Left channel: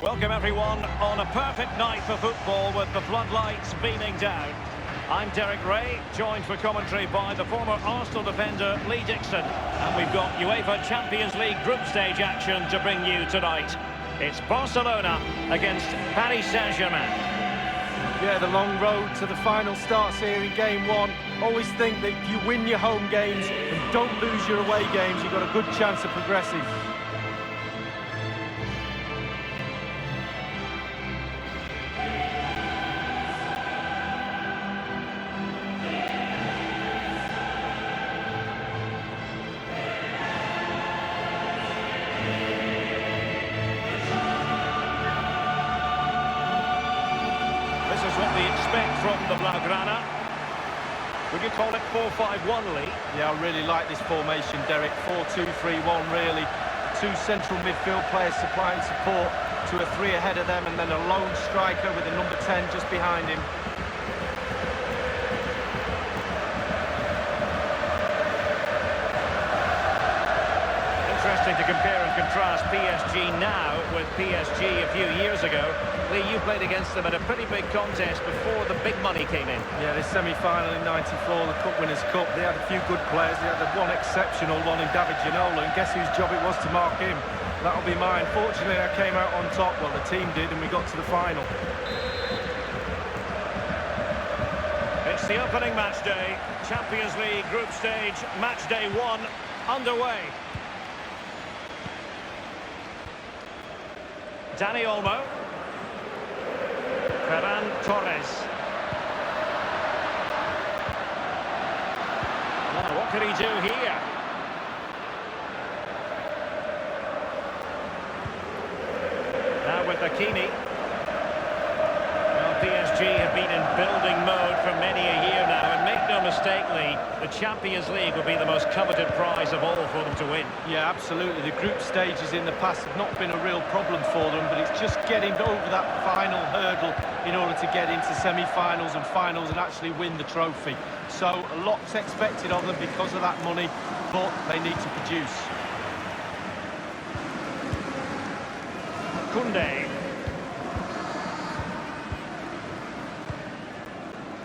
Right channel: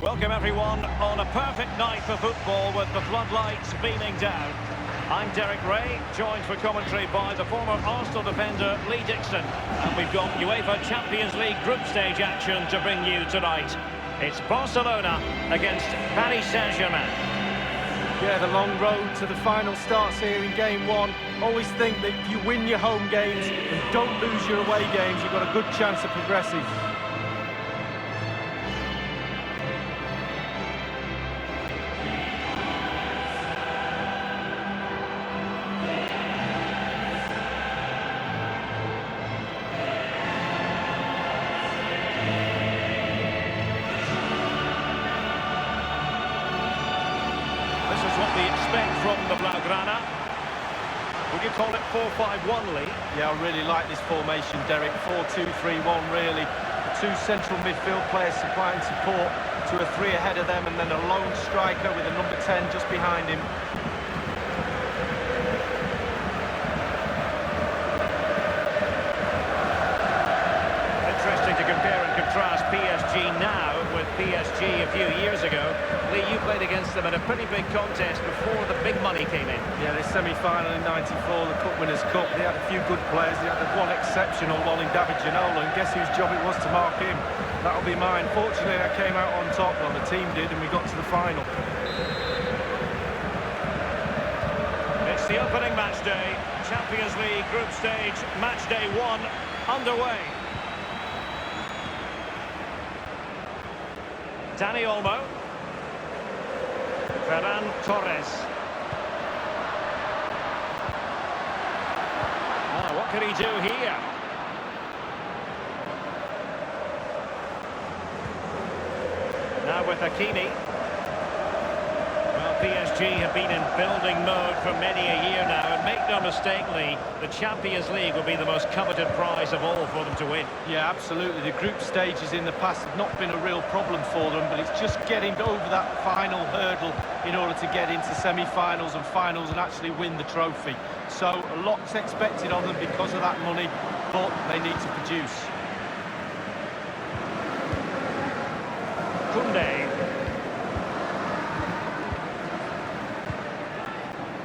Welcome everyone on a perfect night for football with the floodlights beaming down. I'm Derek Ray, joined for commentary by the former Arsenal defender Lee Dixon. And we've got UEFA Champions League group stage action to bring you tonight. It's Barcelona against Paris Saint-Germain. Yeah, the long road to the final starts here in game one. Always think that if you win your home games and don't lose your away games, you've got a good chance of progressing. This is what we expect from the Blaugrana. Would you call it 4-5-1, Lee? Yeah, I really like this formation, Derek. 4-2-3-1, really. The two central midfield players supplying support to a three ahead of them, and then a lone striker with a number 10 just behind him. Interesting to compare and contrast PSG now with PSG a few years ago. Lee, you played against them in a pretty big contest before the big money came in. Yeah, this semi-final in '94, the Cup Winners' Cup, they had a few good players. They had one exceptional one in David Ginola, and guess whose job it was to mark him? That'll be mine. Fortunately, I came out on top. Well, the team did, and we got to the final. It's the opening match day. Champions League group stage, match day 1 underway. Dani Olmo. Ferran Torres. Now, what can he do here? Now with Hakimi. Well, PSG have been in building mode for many a year now, and make no mistake, Lee, the Champions League will be the most coveted prize of all for them to win. Yeah, absolutely. The group stages in the past have not been a real problem for them, but it's just getting over that final hurdle in order to get into semi-finals and finals and actually win the trophy. So a lot's expected of them because of that money, but they need to produce. Koundé.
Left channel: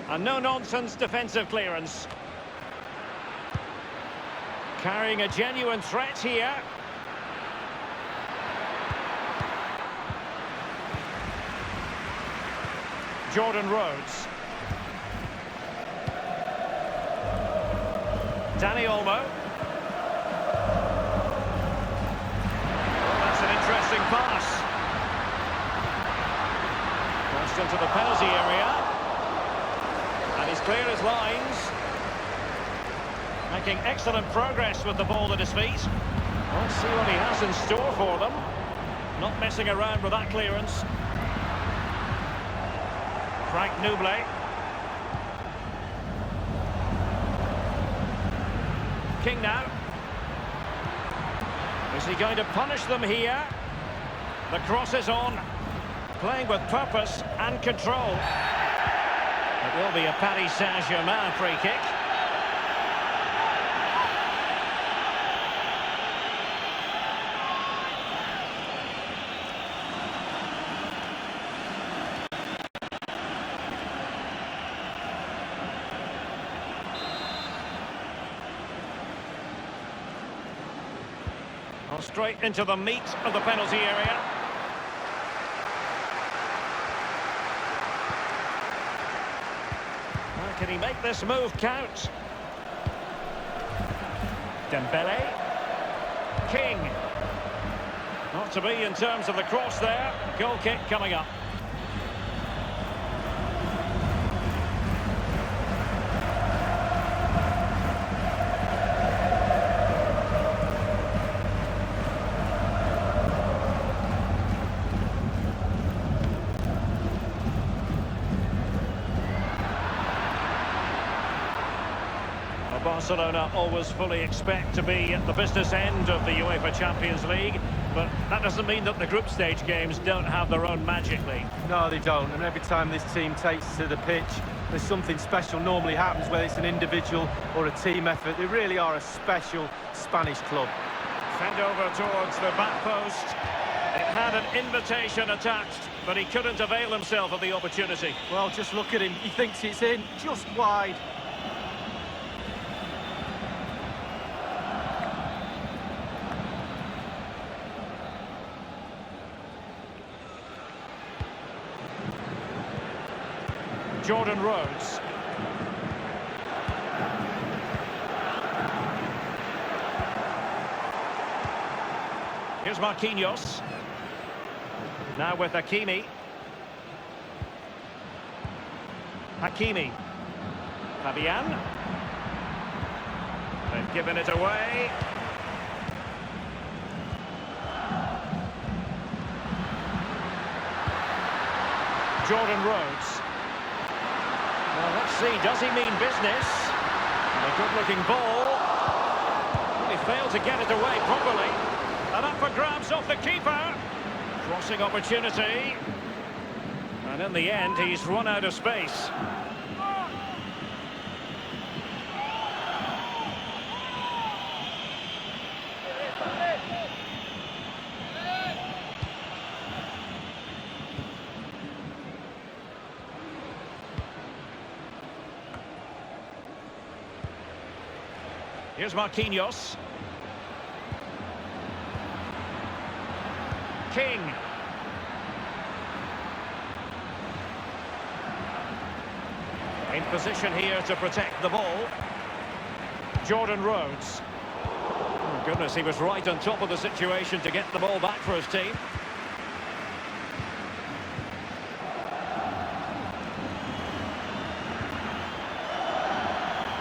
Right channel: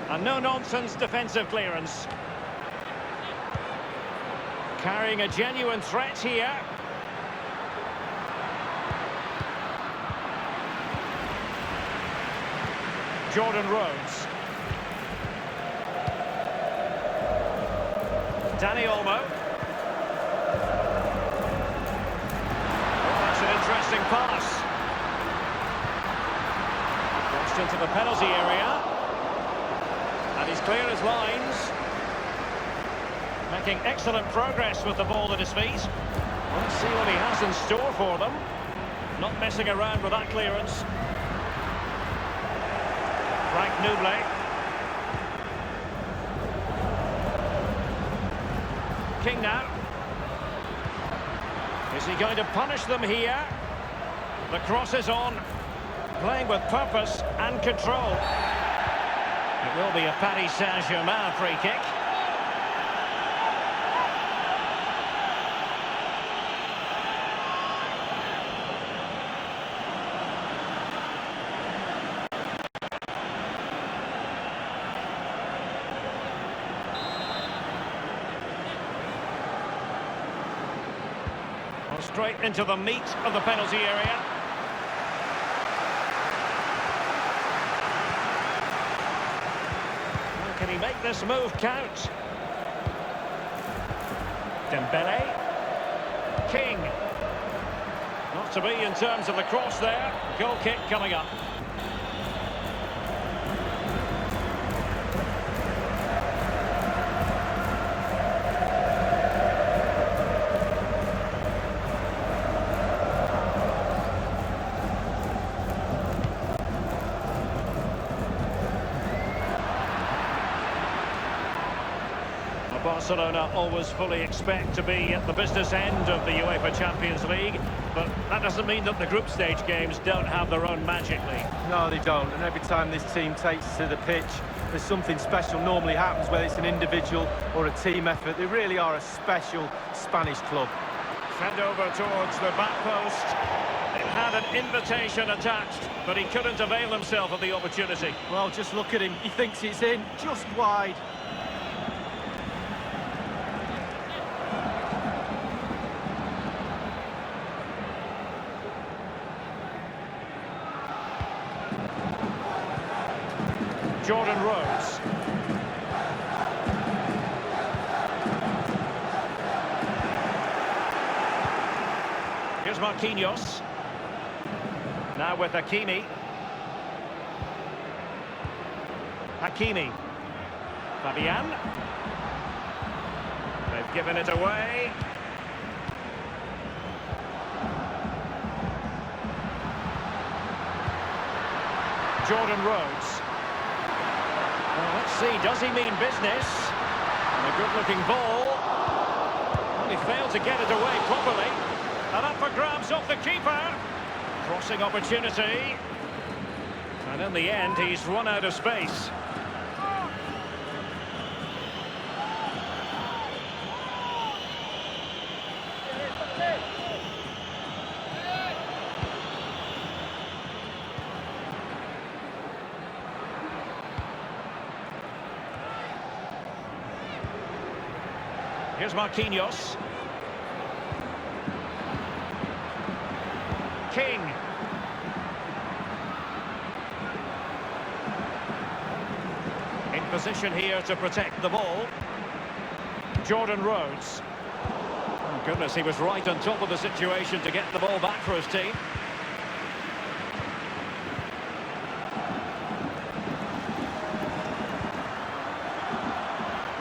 A no-nonsense defensive clearance. Carrying a genuine threat here. Jordan Rhodes. Dani Olmo. Oh, that's an interesting pass. Crossed into the penalty area. And he's clear as lines. Making excellent progress with the ball at his feet. Let's see what he has in store for them. Not messing around with that clearance. Frank Nouble. King now. Is he going to punish them here? The cross is on. Playing with purpose and control. It will be a Paris Saint-Germain free kick. Well, straight into the meat of the penalty area. Can he make this move count? Dembélé. King. Not to be in terms of the cross there. Goal kick coming up. Barcelona always fully expect to be at the business end of the UEFA Champions League, but that doesn't mean that the group stage games don't have their own magic, Lee. No, they don't, and every time this team takes to the pitch, there's something special normally happens, whether it's an individual or a team effort. They really are a special Spanish club. Fed over towards the back post. It had an invitation attached, but he couldn't avail himself of the opportunity. Well, just look at him. He thinks it's in, just wide. Jordan Rhodes. Here's Marquinhos. Now with Hakimi. Fabian. They've given it away. Jordan Rhodes. Well, let's see, does he mean business? And a good-looking ball. Well, he failed to get it away properly. And up for grabs off the keeper. Crossing opportunity. And in the end, he's run out of space. Here's Marquinhos. King. In position here to protect the ball. Jordan Rhodes. Oh goodness, he was right on top of the situation to get the ball back for his team.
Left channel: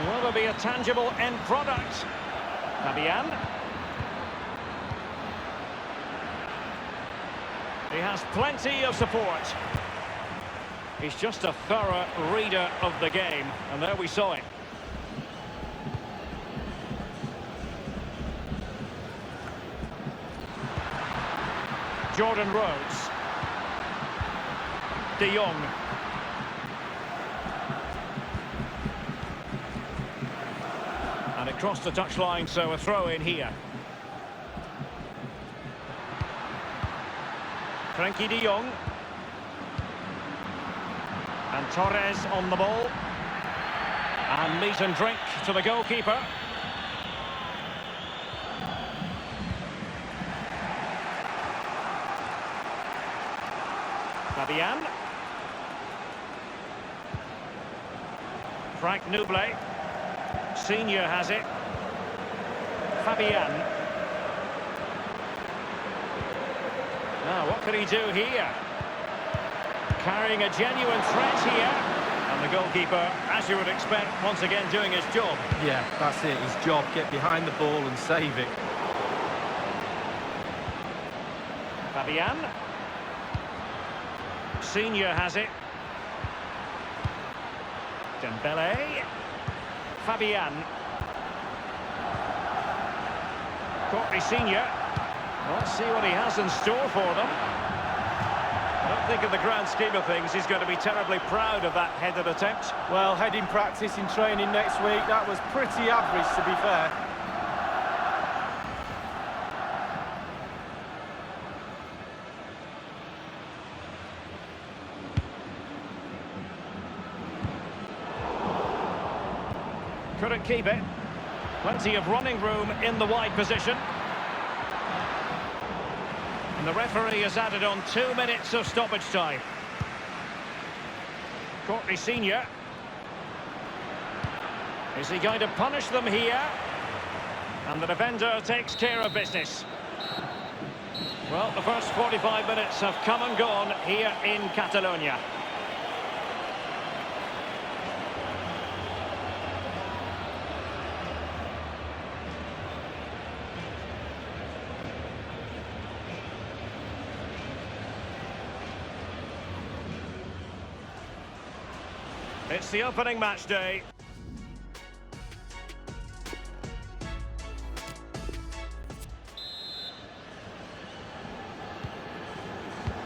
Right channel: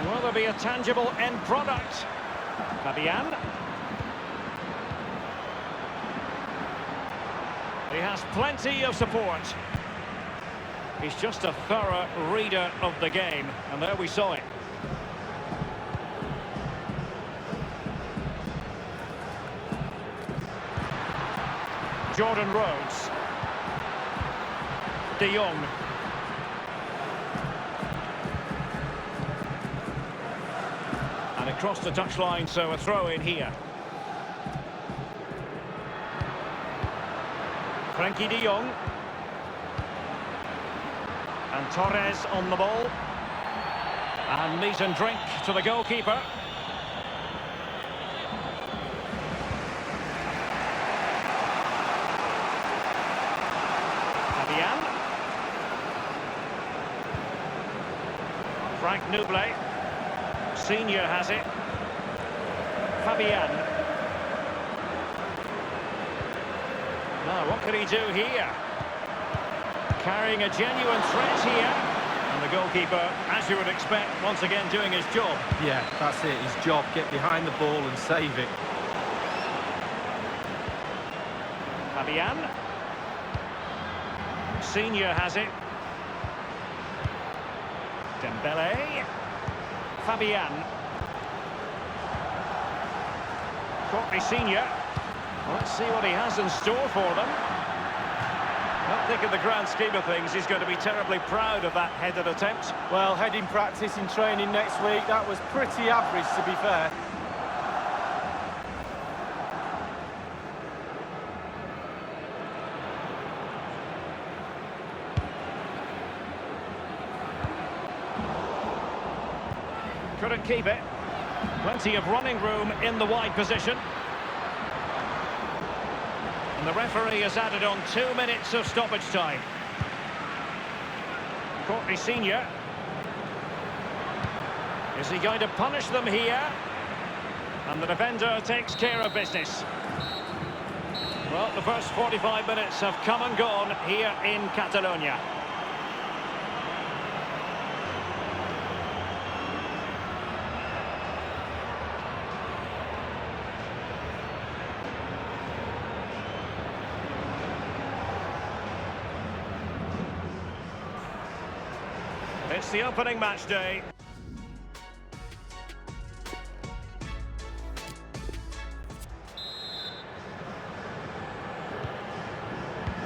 Will there be a tangible end product? Fabian. He has plenty of support. He's just a thorough reader of the game, and there we saw it. Jordan Rhodes. De Jong. And across the touchline, so a throw in here. Frankie de Jong. And Torres on the ball. And meat and drink to the goalkeeper. Fabian. Frank Nouble. Senior has it. Fabian. Now, what can he do here? Carrying a genuine threat here. And the goalkeeper, as you would expect, once again doing his job. Yeah, that's it, his job. Get behind the ball and save it. Fabian. Senior has it. Dembélé. Fabian. Courtney Senior. Well, let's see what he has in store for them. I don't think in the grand scheme of things he's going to be terribly proud of that headed attempt. Well, heading practice in training next week, that was pretty average, to be fair. Couldn't keep it. Plenty of running room in the wide position. And the referee has added on 2 minutes of stoppage time. Courtney Senior. Is he going to punish them here? And the defender takes care of business. Well, the first 45 minutes have come and gone here in Catalonia. It's the opening match day.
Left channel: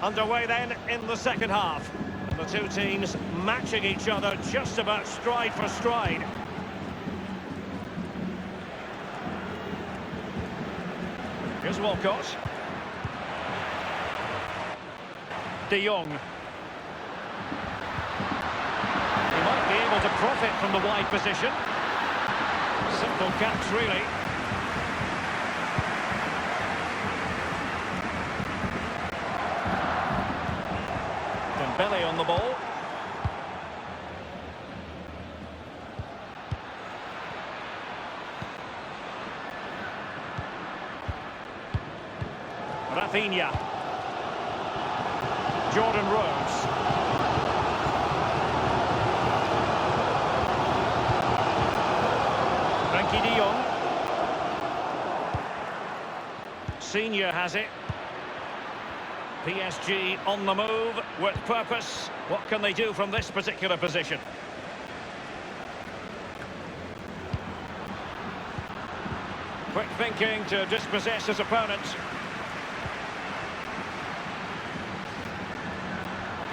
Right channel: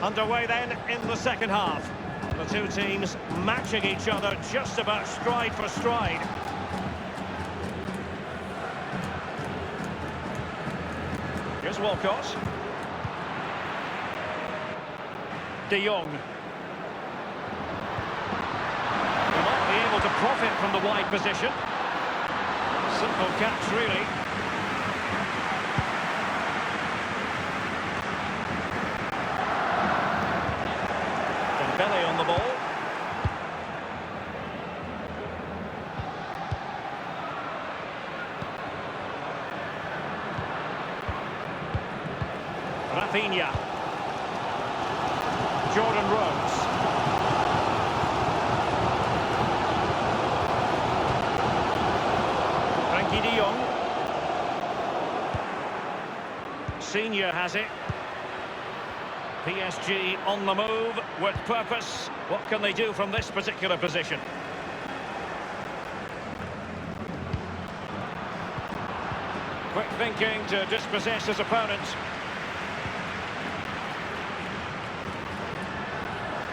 Underway then in the second half. And the two teams matching each other just about stride for stride. Here's Walcott. De Jong. He might be able to profit from the wide position. Simple catch, really. Dembélé on the ball. Vitinha. Jordan Rhodes. Frankie de Jong. Senior has it. PSG on the move with purpose. What can they do from this particular position? Quick thinking to dispossess his opponent.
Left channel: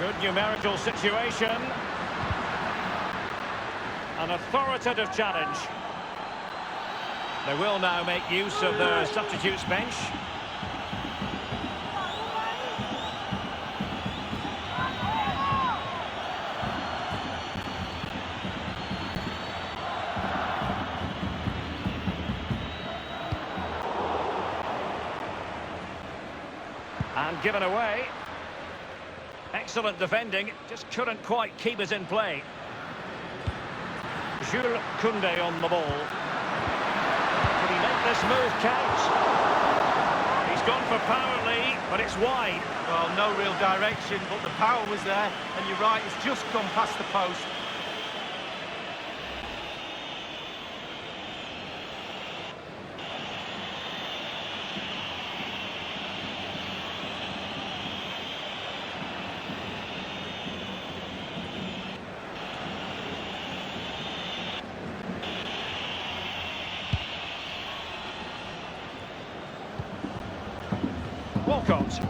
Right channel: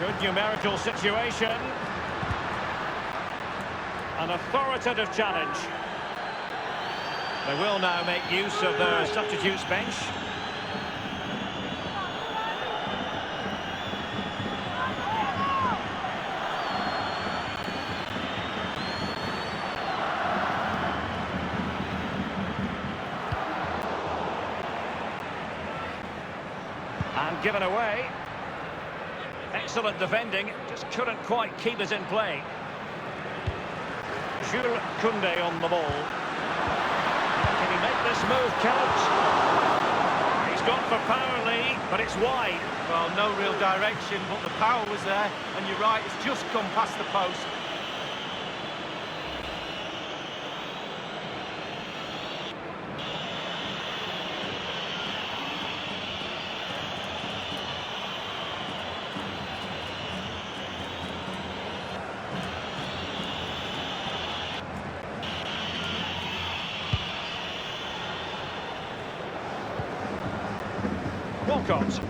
Good numerical situation. An authoritative challenge. They will now make use of their substitutes bench. And given away. Excellent defending, just couldn't quite keep it in play. Jules Koundé on the ball. Can he make this move count? He's gone for power, Lee, but it's wide. Well, no real direction, but the power was there, and you're right, it's just gone past the post. Walcott.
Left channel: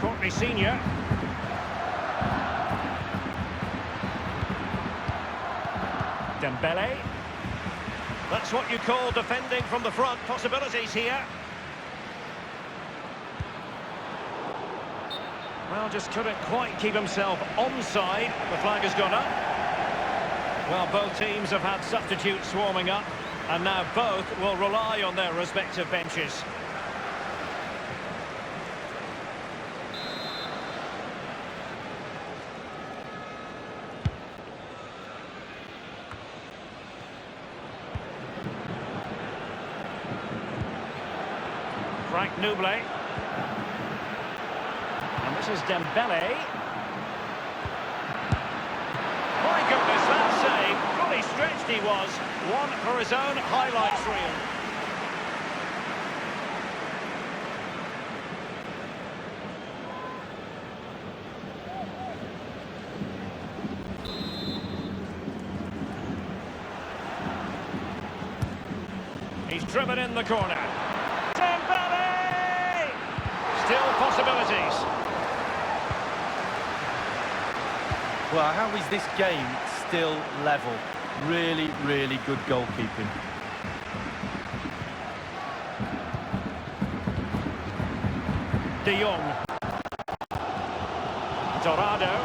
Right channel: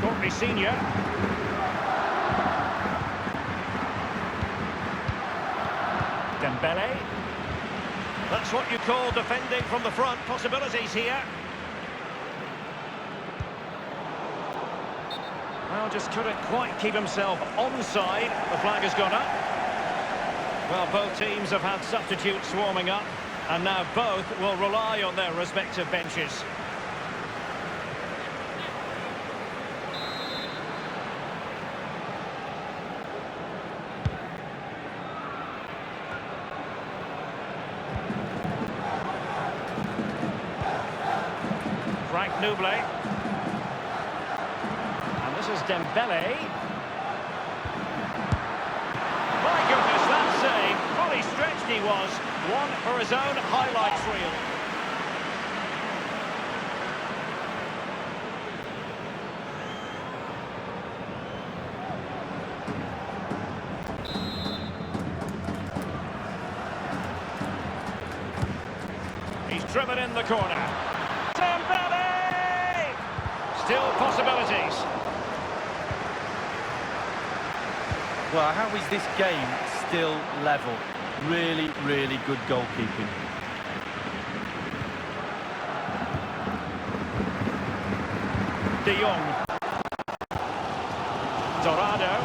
Courtney Senior. Dembélé. That's what you call defending from the front. Possibilities here. Well, just couldn't quite keep himself onside. The flag has gone up. Well, both teams have had substitutes warming up. And now both will rely on their respective benches. Frank Nouble. And this is Dembélé. My goodness, that save. Fully stretched he was. One for his own highlights reel. He's driven in the corner. Dembélé! Still possibilities. Well, how is this game still level? Really, really good goalkeeping. De Jong. Dorado.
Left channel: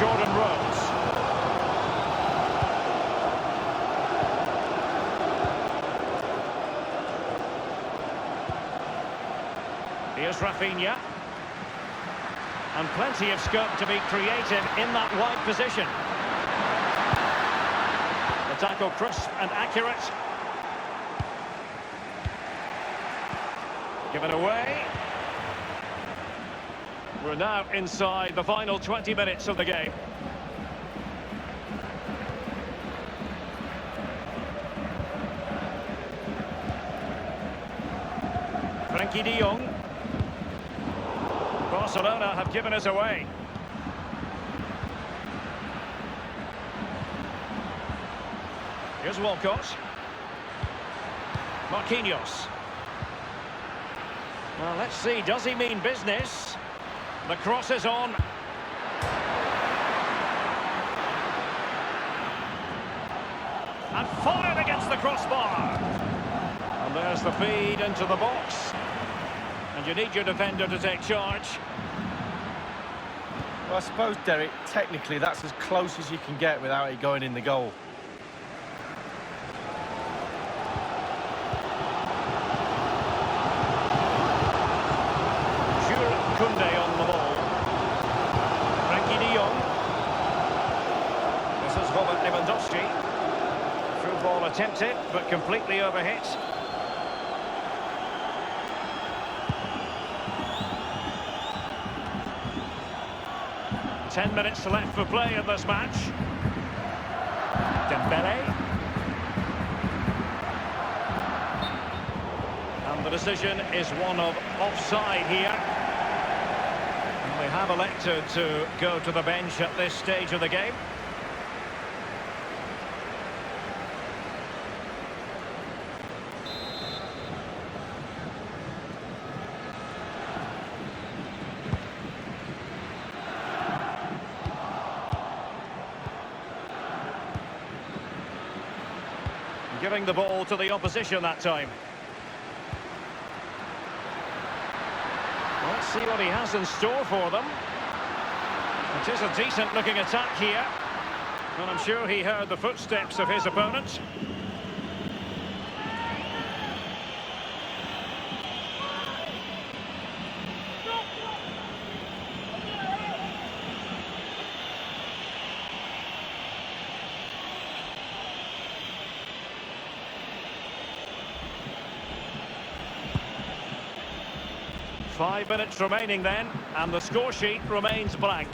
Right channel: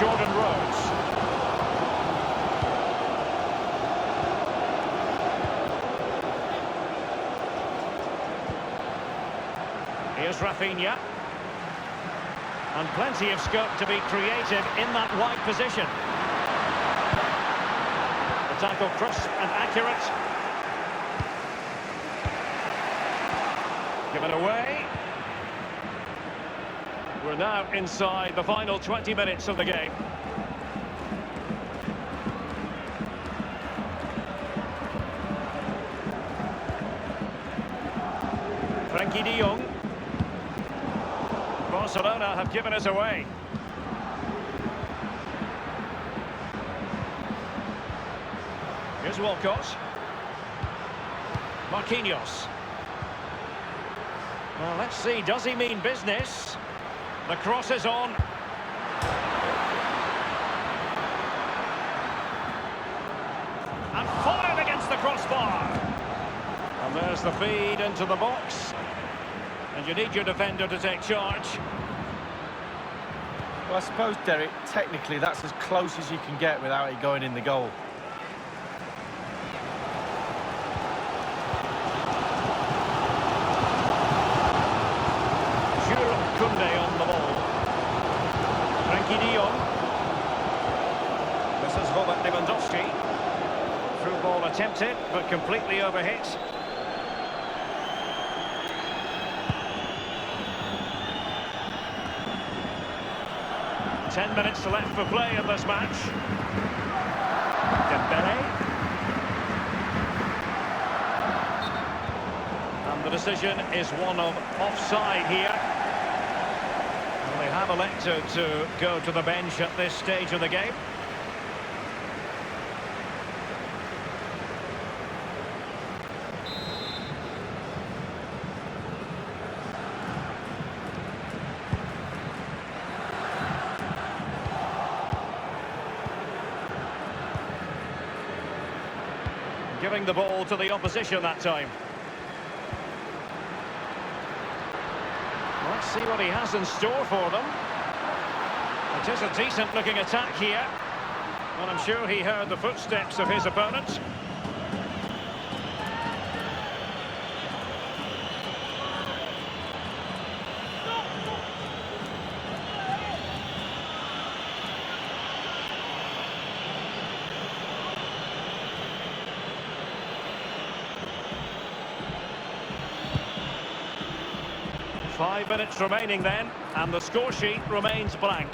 Jordan Rhodes. Here's Vitinha. And plenty of scope to be creative in that wide position. The tackle crisp and accurate. Given away. We're now inside the final 20 minutes of the game. Frankie de Jong. Barcelona have given us away. Here's Walcott. Marquinhos. Well, let's see, does he mean business? The cross is on. and fought it against the crossbar. And there's the feed into the box. And you need your defender to take charge. Well, I suppose, Derek, technically that's as close as you can get without it going in the goal. Koundé on the ball. Frankie de Jong. This is Robert Lewandowski. Through ball attempted, but completely overhit. Ten minutes left for play in this match. Dembélé. And the decision is one of offside here. And they have elected to go to the bench at this stage of the game. Giving the ball to the opposition that time. Let's see what he has in store for them. It is a decent looking attack here. And I'm sure he heard the footsteps of his opponent. Five minutes remaining then, and the score sheet remains blank.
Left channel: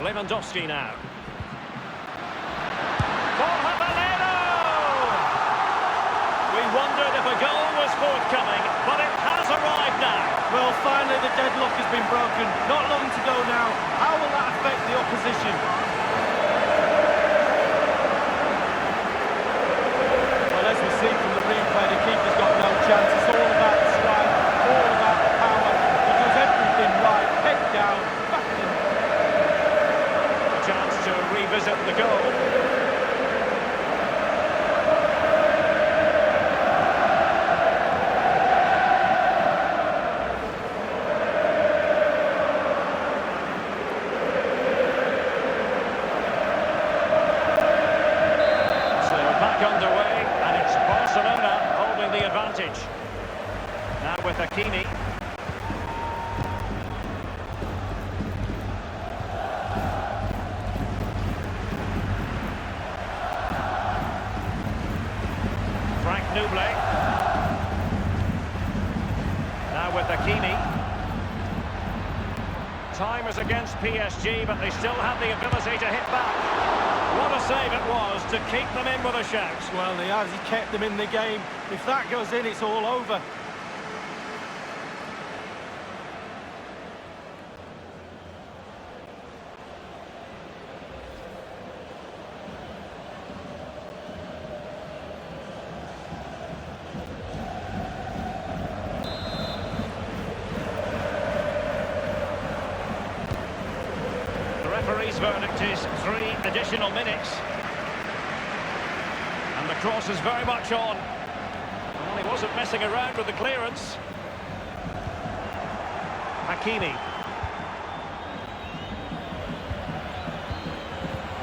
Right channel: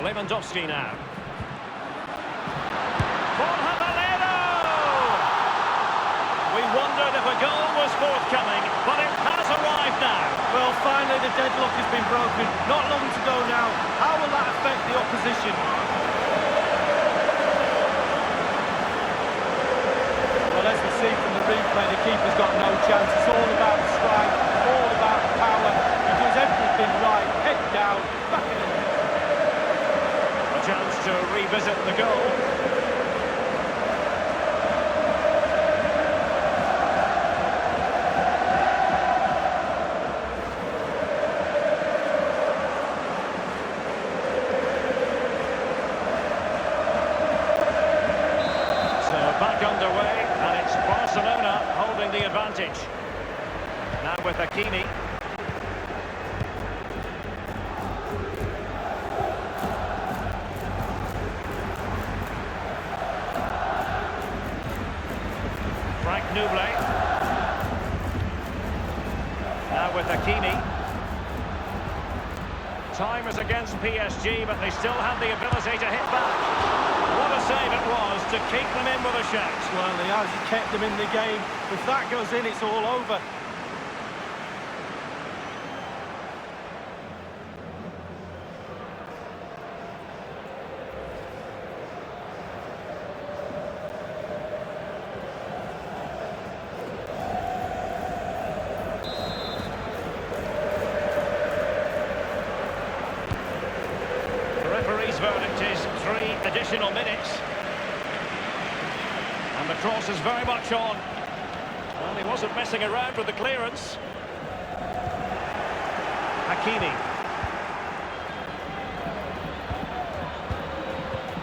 Lewandowski now. We wondered if a goal was forthcoming, but it has arrived now. Well, finally the deadlock has been broken. Not long to go now. How will that affect the opposition? Well, as we see from the replay, the keeper's got no chance. It's all about the strike, all about the power. He does everything right, head down, back of the net. A chance to revisit the goal. So back underway, and it's Barcelona holding the advantage. Now with Hakimi. Frank Nouble. Now with Hakimi. Time is against PSG, but they still have the ability to hit back. What a save it was to keep them in with a shout. Well, he has. He kept them in the game. If that goes in, it's all over. The referee's verdict is 3 additional minutes. And the cross is very much on. Well, he wasn't messing around with the clearance. Hakimi.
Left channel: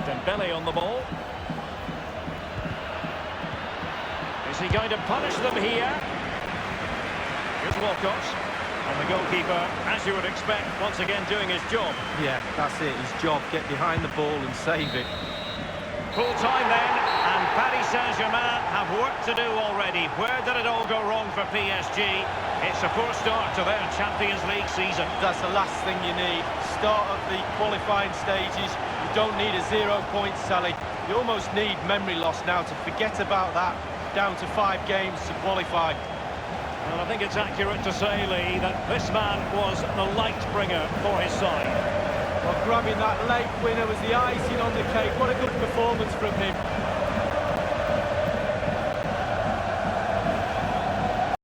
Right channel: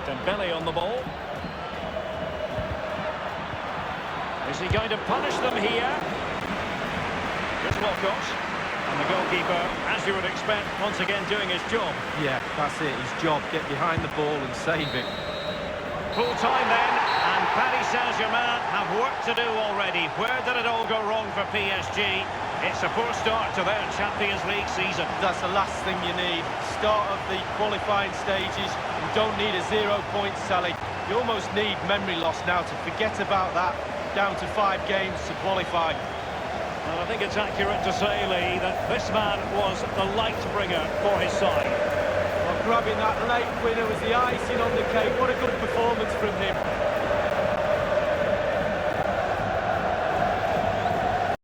Dembélé on the ball. Is he going to punish them here? Here's Walcott. And the goalkeeper, as you would expect, once again doing his job. Yeah, that's it, his job. Get behind the ball and save it. Full time then, and Paris Saint-Germain have work to do already. Where did it all go wrong for PSG? It's a poor start to their Champions League season. That's the last thing you need. Start of the qualifying stages. You don't need a 0 point tally. You almost need memory loss now to forget about that. Down to 5 games to qualify. Well, I think it's accurate to say, Lee, that this man was the light bringer for his side. Well, grabbing that late winner was the icing on the cake. What a good performance from him.